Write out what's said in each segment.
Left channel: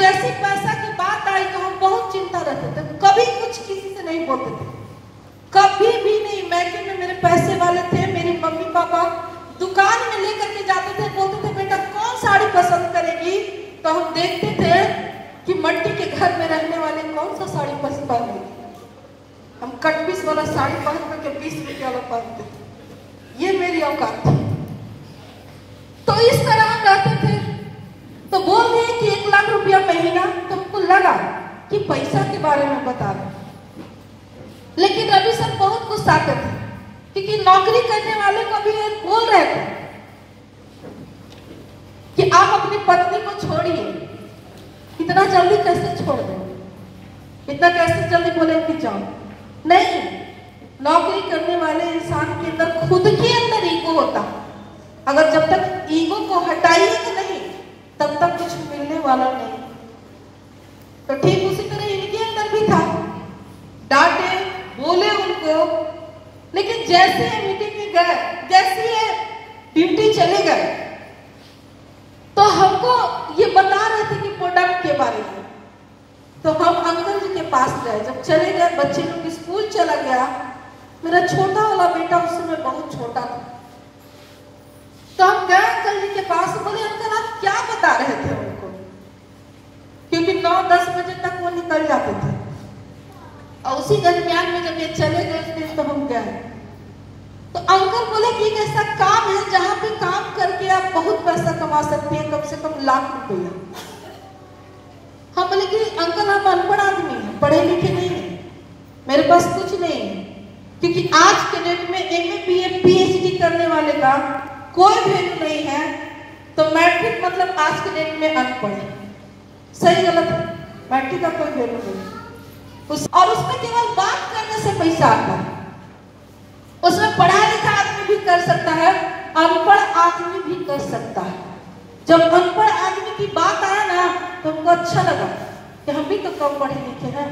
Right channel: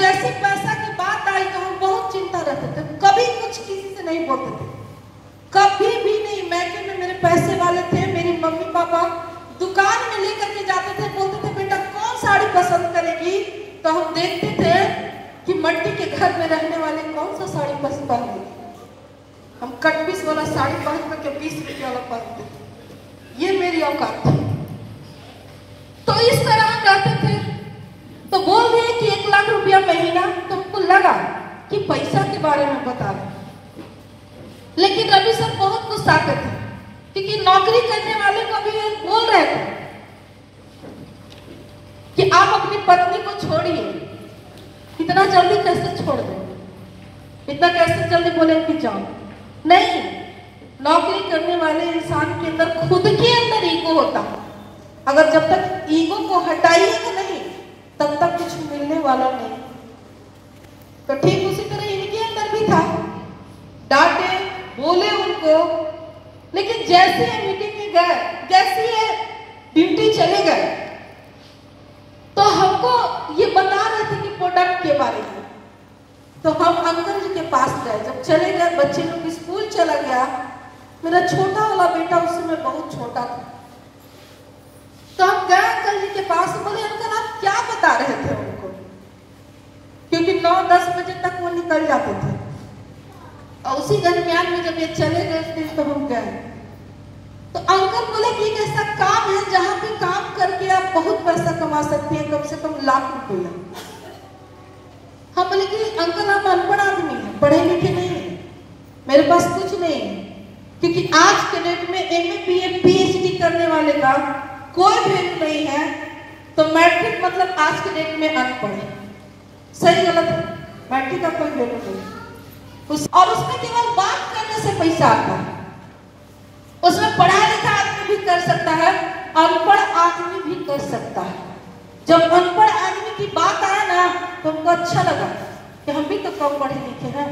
जैसे पैसा की बात आई तो हम बहुत चिंता रहते थे, कभी कुछ किसी से नहीं बोलते थे, कभी भी नहीं। मैके में मेरे पैसे वाले थे, मेरी मम्मी पापा दुकान में लेकर के जाते थे, बोलते थे बेटा कौन साड़ी पसंद करेगी, तो हम देखते थे कि मट्टी के घर में रहने वाले कौन सा साड़ी पसंद करेगी। हम कट पीस वाला साड़ी पहन करके 20 रुपये वाला पहनते थे, ये मेरी औकात थी। तो इस तरह हम रहते थे। तो बोल दिए कि 1 लाख रुपया महीना, तो हमको लगा कि पैसा के बारे में बता रहे, लेकिन रवि सर बहुत गुस्साते थे क्योंकि नौकरी करने वाले को भी बोल रहे थे कि आप अपनी पत्नी को छोड़िए। इतना जल्दी कैसे छोड़ दें, इतना कैसे जल्दी बोले कि जाओ? नहीं, नौकरी करने वाले इंसान के अंदर खुद के अंदर ईगो होता है। अगर जब तक ईगो को हटाइए नहीं तब तक कुछ मिलने वाला नहीं। तो ठीक उसी तरह इनके अंदर भी था, डांटे बोले उनको, लेकिन जैसे मीटिंग में गए, जैसे ड्यूटी चले गए, तो हमको ये बता रहे थे कि प्रोडक्ट के बारे में। तो हम अंकल जी के पास गए, जब चले गए, बच्चे लोग स्कूल चला गया, मेरा छोटा वाला बेटा उस समय बहुत छोटा था। तो हम गए अंकल जी के पास, बोले अंकल आप क्या बता रहे थे उनको, क्योंकि 9-10 बजे तक वो निकल जाते थे। और उसी दरमियान में जब ये चले गए उस दिन, तो हम गए, तो अंकल बोले कि एक ऐसा काम है जहां पे काम करके आप बहुत पैसा कमा सकते हैं, कम से कम 1 लाख रुपया। हम बोले कि अंकल आप अनपढ़ आदमी हैं, पढ़े लिखे नहीं है, मेरे पास कुछ नहीं है, क्योंकि आज के डेट में MA BA PhD करने वाले का कोई वैल्यू नहीं है। तो मैट्रिक मतलब आज के डेट में अनपढ़ है, सही गलत है, मैट्रिक का कोई वैल्यू नहीं। और उसमें केवल बात करने से पैसा आता है, उसमें पढ़ा लिखा आदमी भी कर सकता है, अनपढ़ आदमी भी कर सकता है। जब अनपढ़ आदमी की बात आया ना तो हमको अच्छा लगा कि हम भी तो कम पढ़े लिखे हैं,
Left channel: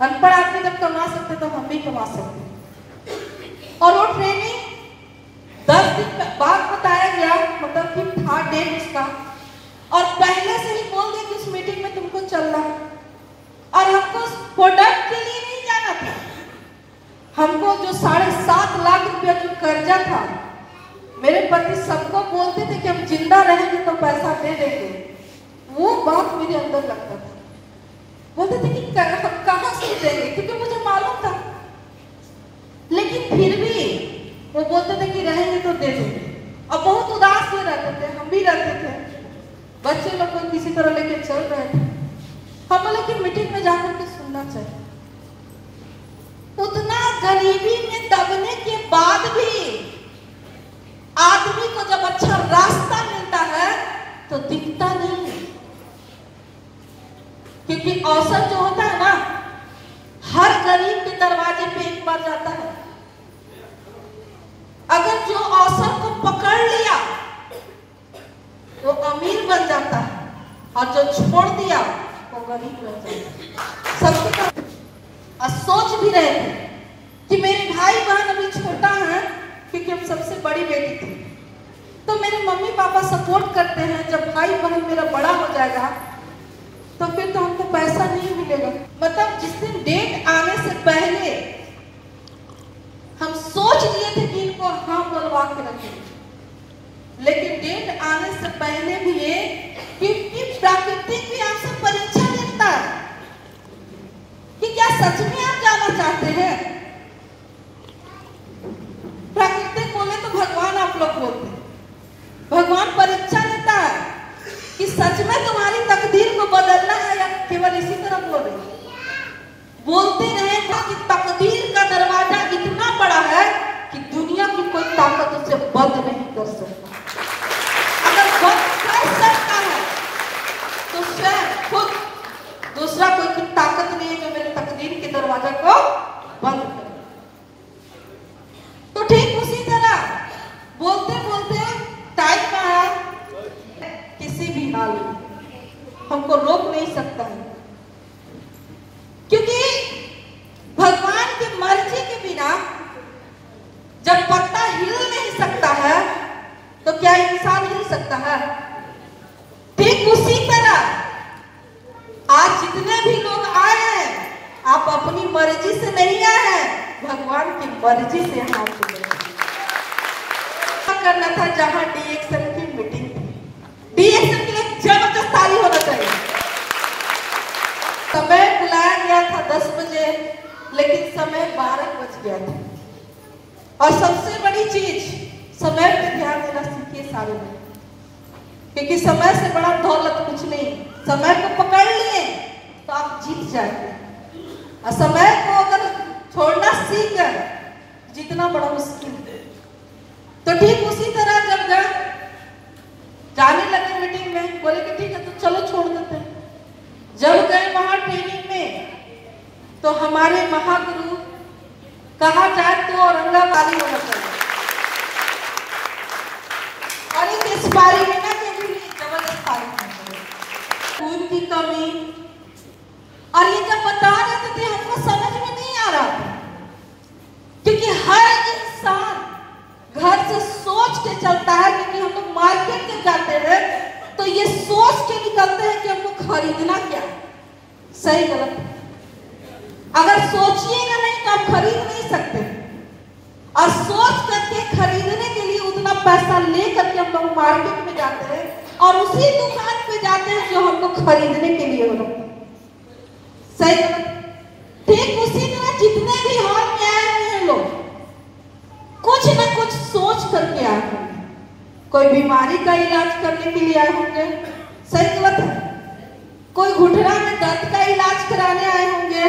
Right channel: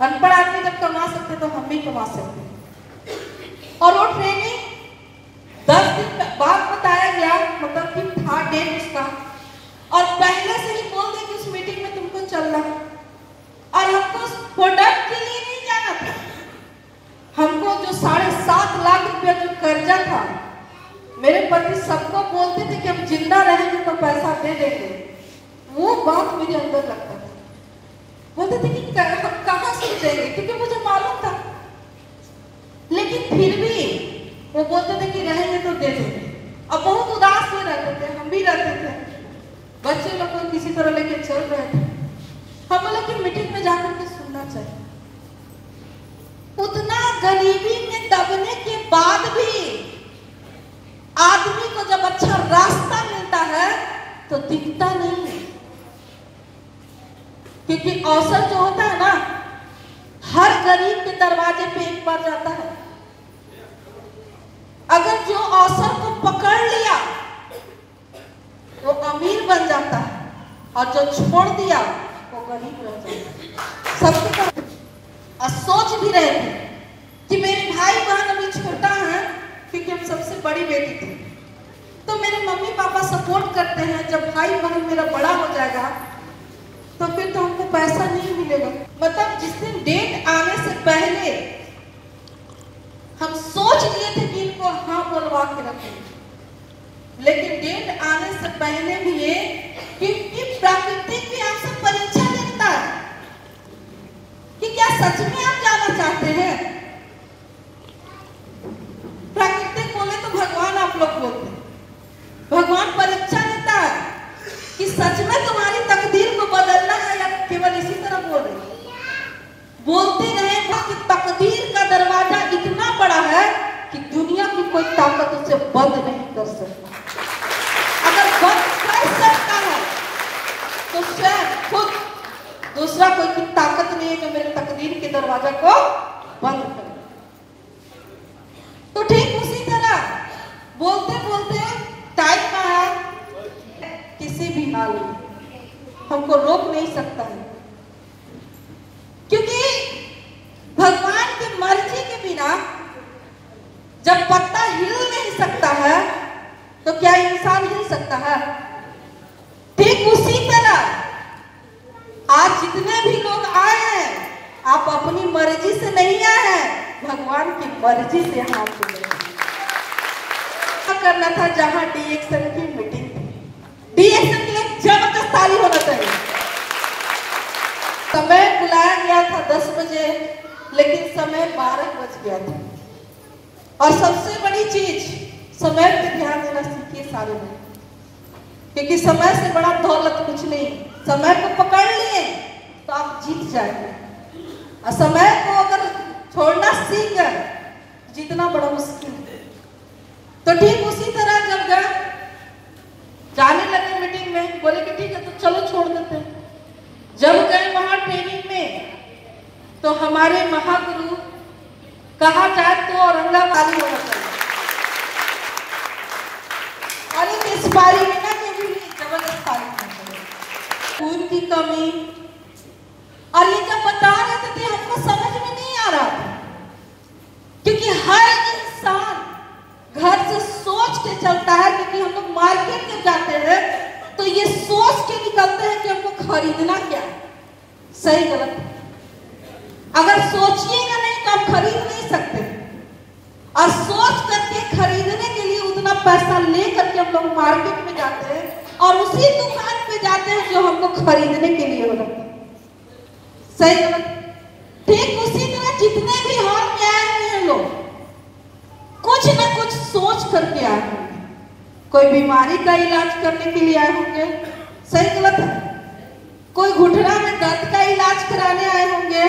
अनपढ़ आदमी जब कमा सकते तो हम भी कमा सकते। और वो ट्रेनिंग 10 दिन बाद बताया गया, मतलब कि था डेट उसका, और पहले से ही बोल दिया कि उस मीटिंग में तुमको चलना है। और हमको प्रोडक्ट के लिए नहीं जाना था, हमको जो 7.5 लाख रुपया जो कर्जा था, मेरे पति सबको बोलते थे कि हम जिंदा रहेंगे तो पैसा दे देंगे, वो बात मेरे अंदर लगता था। बोलते थे कि हम कहां से देंगे, क्योंकि मुझे मालूम था, लेकिन फिर भी वो बोलते थे कि रहेंगे तो दे देंगे। अब बहुत उदास से रहते थे, हम भी रहते थे, बच्चे लोग को किसी तरह लेके चल रहे थे। हम बोले कि मीटिंग में जाकर के सुनना चाहिए। उतना गरीबी में दबने के बाद भी आदमी को जब अच्छा रास्ता मिलता है तो दिखता नहीं है, क्योंकि अवसर जो होता है ना, हर गरीब के दरवाजे पे एक बार जाता है। अगर जो अवसर को पकड़ लिया वो अमीर बन जाता है, और जो छोड़ दिया वो गरीब रह जाता है। सबको सोच भी रहे थे कि मेरे भाई बहन अभी छोटा है, क्योंकि हम सबसे बड़ी बेटी थी, तो मेरे मम्मी पापा सपोर्ट करते हैं। जब भाई बहन मेरा बड़ा हो जाएगा तो फिर तो हमको पैसा नहीं मिलेगा। मतलब जिस दिन डेट आने से पहले हम सोच लिए थे कि इनको हाँ बोलवा के रखेंगे, लेकिन डेट आने से पहले भी ये, क्योंकि प्रकृति भी हमसे परीक्षा लेता है कि क्या सच में आप जाना चाहते हैं। प्रकृति बोले तो भगवान आप लोग बोलते हैं, भगवान परीक्षा लेता है कि सच में तुम्हारी तकदीर को बदलना है या केवल इसी तरह बोलते रहे कि तकदीर का दरवाजा इतना बड़ा है कि दुनिया की कोई ताकत उसे बंद नहीं कर सकती। अगर बंद कर सकता है तो शायद खुद दूसरा कोई की ताकत नहीं है जो मेरे तकदीर के दरवाजा को बंद कर। तो ठीक उसी तरह बोलते बोलते टाइम आया, किसी भी हाल में हमको रोक नहीं सकता है, क्योंकि भगवान की मर्जी के बिना जब पत्ता हिल नहीं सकता है तो क्या इंसान हिल सकता है? ठीक उसी तरह लेकिन समय 12 बज गया था। और सबसे बड़ी चीज, समय पे ध्यान देना सीखिए सारे लोग, क्योंकि समय से बड़ा दौलत कुछ नहीं। समय को पकड़ लिए तो आप जीत जाएंगे, और समय को अगर छोड़ना सीख गए जीतना बड़ा मुश्किल है। तो ठीक उसी तरह जब गए जाने लगे मीटिंग में, बोले कि ठीक है तो चलो छोड़ देते हैं। जब गए वहां ट्रेनिंग में तो हमारे महागुरु कहा जाए तो औरंगाबादी होना चाहिए, और इस बारी में ना कभी भी जबरदस्त खून की कमी, और ये जब बता रहे थे हमको समझ में नहीं आ रहा था, क्योंकि हर इंसान घर से सोच के चलता है। क्योंकि हम लोग मार्केट में जाते हैं तो ये सोच के निकलते हैं कि हमको खरीदना क्या है, सही गलत। अगर सोचिएगा नहीं तो आप खरीद नहीं सकते, और सोच करके खरीदने के लिए उतना पैसा लेकर के हम लोग मार्केट में जाते हैं, और उसी दुकान पे जाते हैं जो हमको खरीदने के लिए हो, सही। ठीक उसी तरह जितने भी हॉल में आए हुए हैं लोग कुछ न कुछ सोच करके आए होंगे। कोई बीमारी का इलाज करने के लिए आए होंगे, सही गलत है। कोई घुटना में दर्द का इलाज कराने आए होंगे।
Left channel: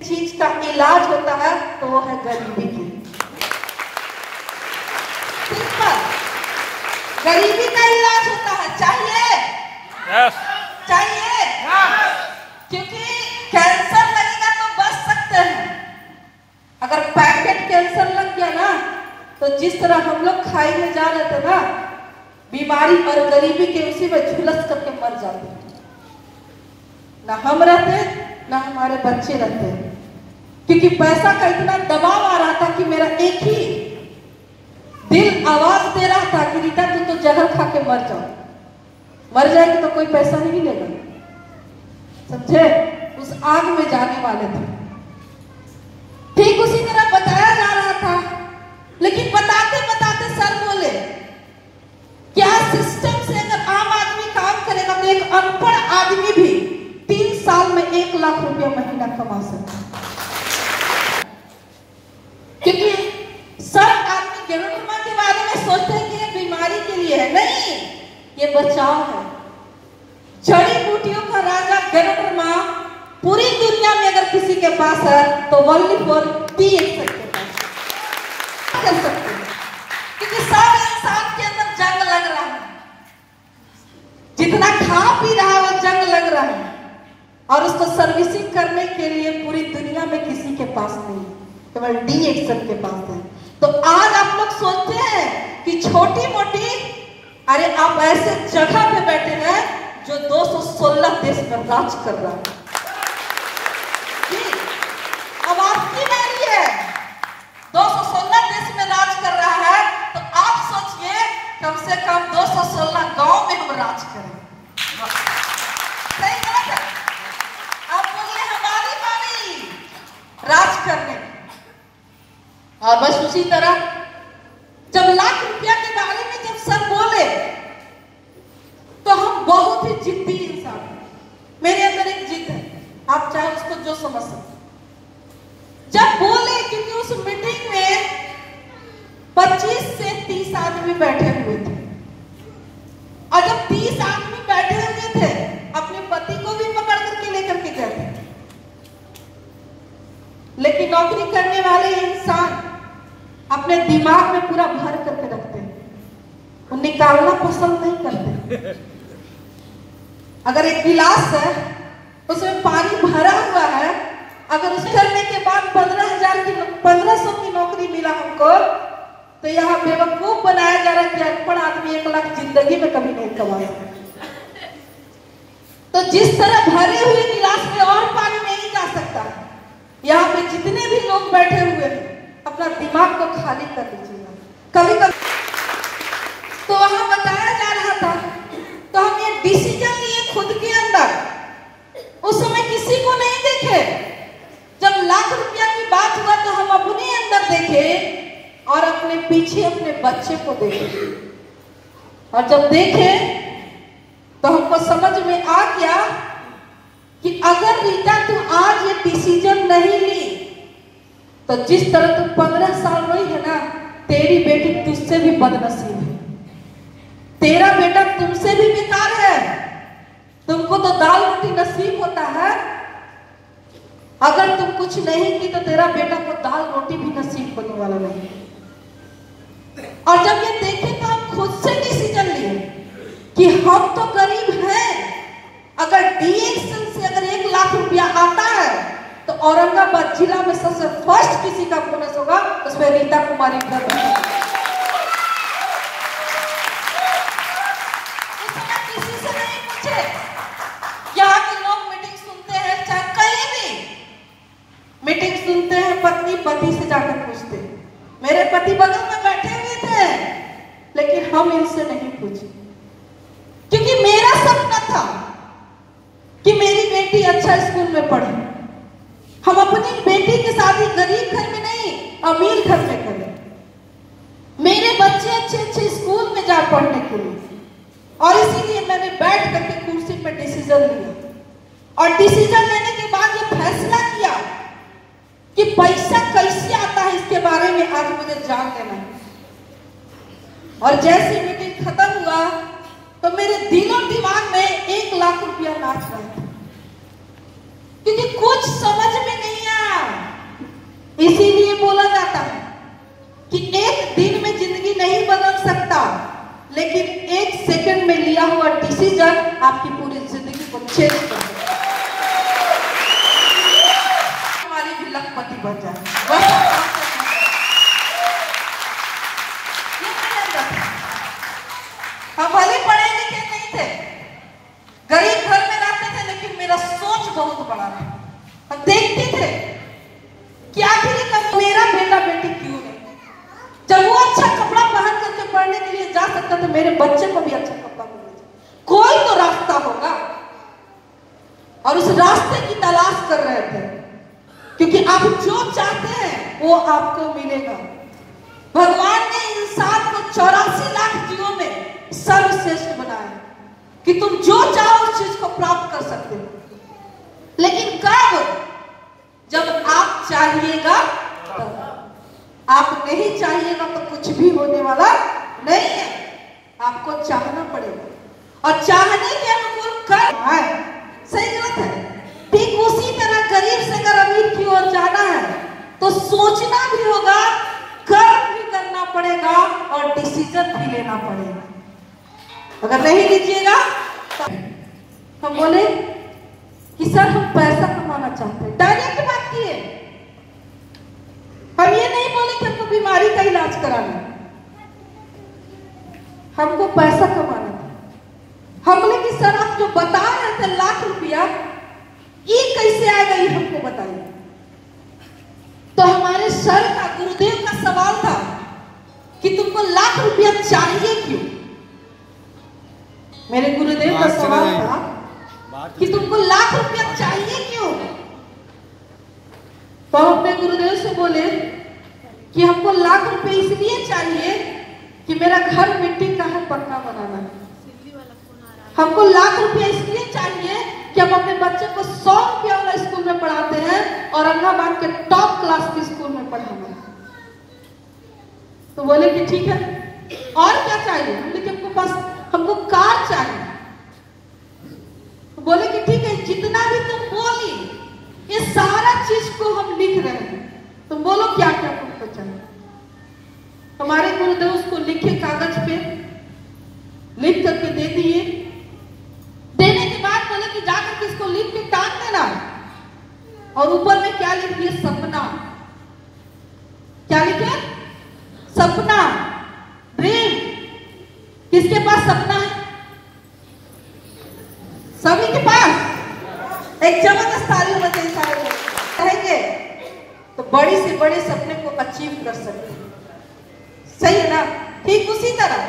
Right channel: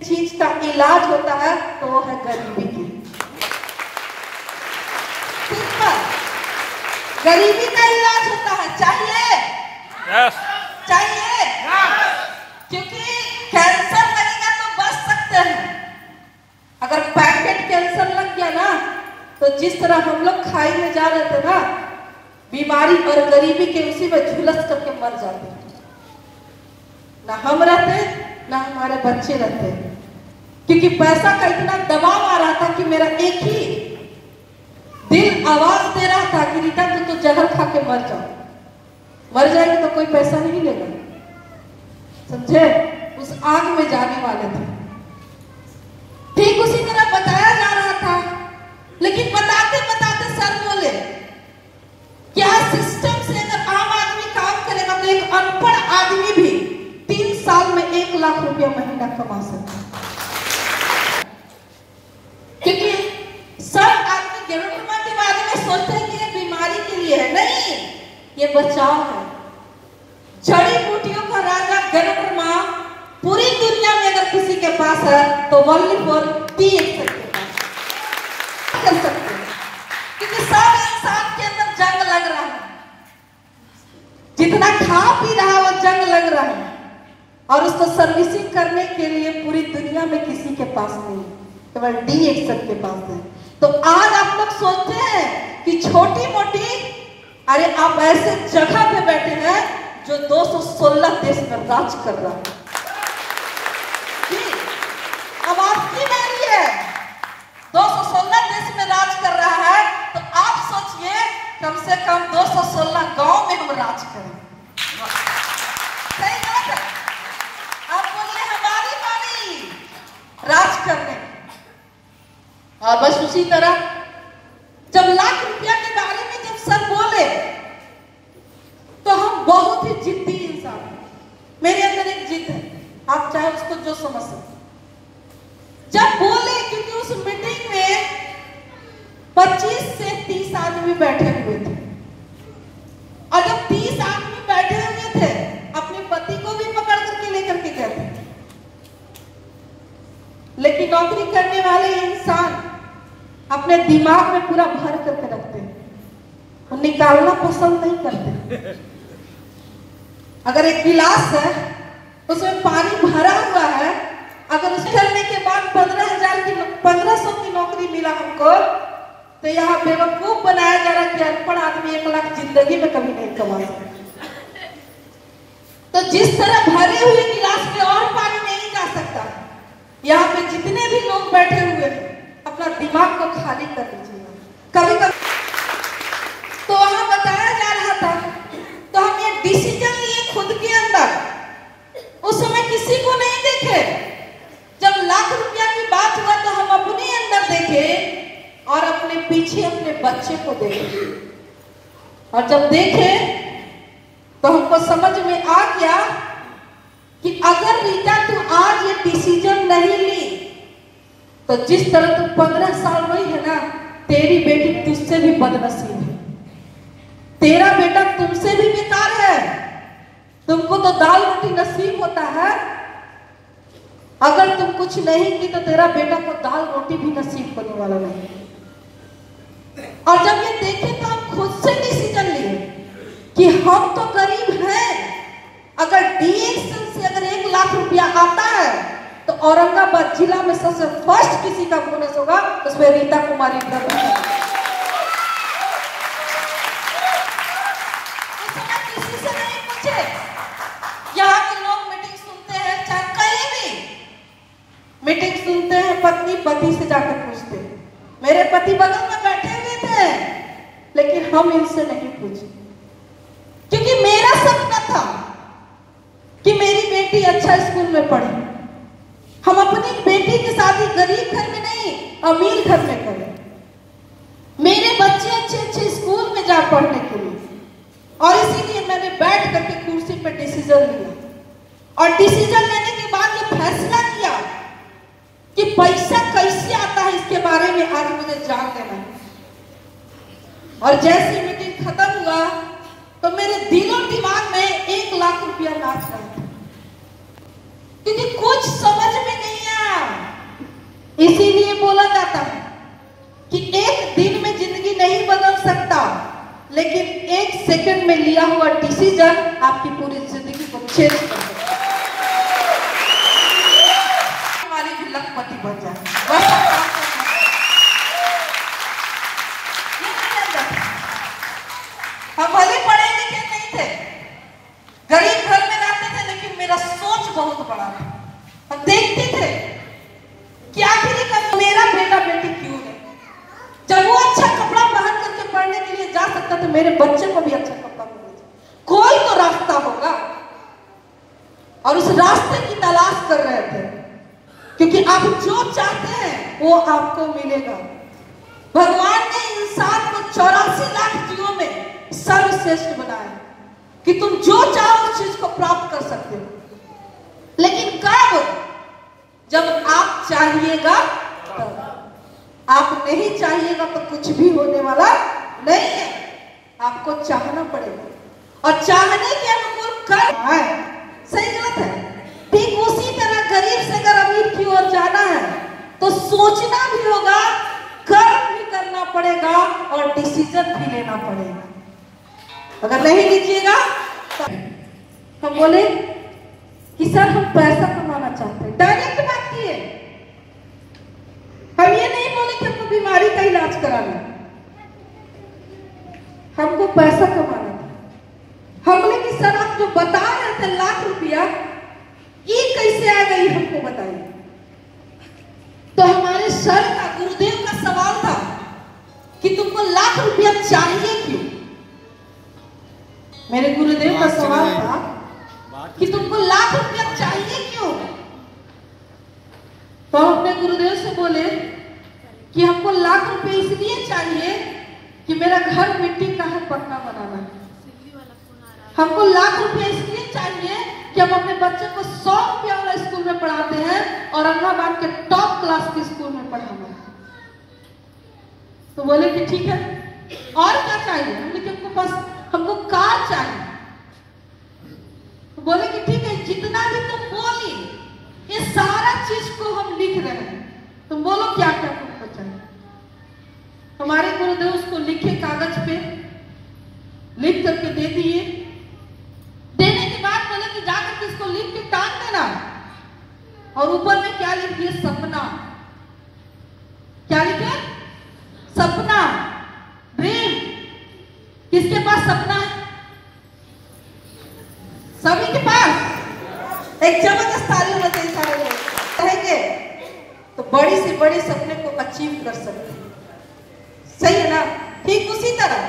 चीज का इलाज होता है तो वो है गरीबी की। गरीबी का इलाज होता है, चाहिए चाहिए, क्योंकि कैंसर लगेगा तो बच सकते हैं। अगर पैकेट कैंसर लग गया ना तो जिस तरह हम लोग खाई में जा रहे थे ना, बीमारी और गरीबी के उसी में झुलस करके मर जाते हैं। ना हम रहते ना हमारे बच्चे रहते, क्योंकि पैसा का इतना दबाव आ रहा था कि मेरा एक ही दिल आवाज दे रहा था कि रीता तुम तो जहर खा के मर जाओ, मर जाएगी तो कोई पैसा नहीं लेगा, समझे। उस आग में जाने वाले थे। ठीक उसी तरह बताया जा रहा था, लेकिन बताते बताते सर बोले क्या सिस्टम से अगर आम आदमी काम करेगा तो एक अनपढ़ आदमी भी 3 साल में 1 लाख रुपया महीना कमा सकता है। क्योंकि सब आदमी गरुड़मा के बारे में सोचते हैं कि ये बीमारी के लिए है, नहीं, ये बचाव है। जड़ी बूटियों का राजा गरुड़मा पूरी दुनिया में अगर किसी के पास है तो ओनली फॉर कर सकते हैं, क्योंकि सब इंसान के अंदर जंग लग रहा है, जितना खा पी रहा है वो जंग लग रहा है, और उसको सर्विसिंग करने के लिए पूरी दुनिया में किसी के पास नहीं, केवल D-Action के पास है। तो आज आप लोग सोचते हैं कि छोटी मोटी, अरे आप ऐसे जगह पे बैठे हैं जो 216 देश में राज कर रहा है। अब आपकी मेरी है, 216 देश में राज कर रहा है, तो आप सोचिए कम से कम 216 गांव में हम राज करें। सही बात है। अब बोलिए हमारी बारी राज करने। और बस उसी तरह जब लाख रुपया के बारे में जब सब बोले तो हम बहुत ही जिद्दी इंसान हैं। मेरे अंदर एक जिद है, आप चाहे उसको जो समझ सकते। जब बोले, क्योंकि उस मीटिंग में 25 से 30 आदमी बैठे हुए थे, और जब 30 आदमी बैठे हुए थे अपने पति को भी पकड़ करके लेकर के गए थे, लेकिन नौकरी करने वाले इंसान अपने दिमाग में पूरा भर करके रखते हैं, वो निकालना पसंद नहीं करते। अगर एक गिलास है उसमें पानी भरा हुआ है, अगर उस करने के बाद 1500 की नौकरी मिला हमको, तो यहाँ बेवकूफ बनाया जा रहा है कि अनपढ़ आदमी 1 लाख जिंदगी में कभी नहीं कमा सकता। तो जिस तरह भरे हुए गिलास में और पानी नहीं जा सकता, यहाँ पे जितने भी लोग बैठे हुए हैं अपना दिमाग को खाली कर दीजिएगा। कभी कभी तो वहां बताया जा रहा था, तो हम ये डिसीजन लिए खुद के अंदर। उस समय किसी को नहीं देखे, जब लाख रुपया की बात हुआ तो हम अपने अंदर देखे और अपने पीछे अपने बच्चे को देखे, और जब देखे तो हमको समझ में आ गया कि अगर रीता तू आज ये डिसीजन नहीं ली तो जिस तरह तुम 15 साल वही है ना, तेरी बेटी तुझसे भी बदनसीब है, तेरा बेटा तुमसे भी बेकार है। तुमको तो दाल रोटी नसीब होता है, अगर तुम कुछ नहीं की तो तेरा बेटा को दाल रोटी भी नसीब होने वाला नहीं। और जब ये देखे तो हम खुद से डिसीजन लिए कि हम तो गरीब हैं, अगर डीएक्सल से अगर 1 लाख रुपया आता है तो औरंगाबाद जिला में सबसे फर्स्ट किसी का बोनस होगा, उसमें रीता कुमारी का। किसी से नहीं पूछे, यहाँ के लोग मीटिंग सुनते हैं, चाहे कहीं भी मीटिंग सुनते हैं, पत्नी पति से जाकर पूछते हैं। मेरे पति बगल में बैठे हुए थे, लेकिन हम इनसे नहीं पूछे, क्योंकि मेरा सपना था कि मेरी बेटी अच्छा स्कूल में पढ़े। हम अपनी बेटी की शादी गरीब घर में नहीं, अमीर घर में करें। मेरे बच्चे अच्छे अच्छे स्कूल में जा पढ़ने के लिए, और इसीलिए मैंने बैठ करके कुर्सी पे डिसीजन लिया। और डिसीजन लेने के बाद ये फैसला किया कि पैसा कैसे आता है, इसके बारे में आज मुझे जान लेना है। और जैसे मीटिंग खत्म हुआ तो मेरे दिलो दिमाग में 1 लाख रुपया नाच रहा था, क्योंकि कुछ समझ में नहीं आया। इसीलिए बोला जाता है कि एक दिन में जिंदगी नहीं बदल सकता, लेकिन 1 सेकंड में लिया हुआ डिसीजन आपकी पूरी जिंदगी को चेंज कर सकता है। हमारी भी लखपति बन जाए। हम भले पढ़े लिखे नहीं थे, गरीब घर में रहते थे, लेकिन मेरा सोच बहुत बड़ा था। हम देखते थे कि आखिर मेरा बेटा बेटी क्यों नहीं, जब वो अच्छा कपड़ा पहन करके पढ़ने के लिए जा सकता तो मेरे बच्चे को भी अच्छा कपड़ा मिलेगा। कोई तो रास्ता होगा, और उस रास्ते की तलाश कर रहे थे, क्योंकि आप जो चाहते हैं वो आपको मिलेगा। भगवान ने इंसान को 84 लाख जीवों में सर्वश्रेष्ठ बनाया कि तुम जो चाहो उस चीज को प्राप्त कर सकते हो, लेकिन कब? जब आप चाहिएगा तब। आप नहीं चाहिएगा तो कुछ भी होने वाला नहीं है। आपको चाहना पड़ेगा, और चाहने के अनुकूल कर है। सही गलत है? ठीक उसी तरह गरीब से अगर अमीर की ओर जाना है तो सोचना भी होगा, कर्म भी करना पड़ेगा, और डिसीजन भी लेना पड़ेगा। अगर नहीं लीजिएगा तो हम बोले कि सर हम पैसा कमाना चाहते हैं, डायरेक्ट बात किए। हम ये नहीं बोले कि हमको बीमारी का इलाज कराना, हमको पैसा कमाना था। हम बोले कि सर आप जो बता रहे थे लाख रुपया, ये कैसे आएगा, ये हमको बताइए। तो हमारे सर का, गुरुदेव का सवाल था कि तुमको लाख रुपया चाहिए क्यों? मेरे गुरुदेव का सवाल था कि तुमको लाख रुपया चाहिए क्यों? तो अपने गुरुदेव से बोले कि हमको लाख रुपए इसलिए चाहिए कि मेरा घर मिट्टी का है, पक्का बनाना है। हमको लाख रुपए इसलिए चाहिए कि हम अपने बच्चे को 100 रुपया वाला स्कूल में पढ़ाते हैं, औरंगाबाद के टॉप क्लास के स्कूल में पढ़ाना है। तो बोले कि ठीक है, और क्या चाहिए? हमने कि हमको कार चाहिए। तो बोले कि ठीक है, जितना भी तुम बोली ये सारा चीज को हम लिख रहे हैं, तुम बोलो क्या क्या तुमको चाहिए। हमारे गुरुदेव उसको लिखे कागज पे, लिख करके दे दिए। देने के बाद बोले कि जाकर के इसको लिख के टांग देना, और ऊपर में क्या लिख दिए? सपना। क्या लिखे? सपना, ड्रीम। किसके पास सपना है? सभी के पास। एक चमक ताली रहेंगे तो बड़ी से बड़े सपने को अचीव कर सकते हैं। सही है ना? ठीक उसी तरह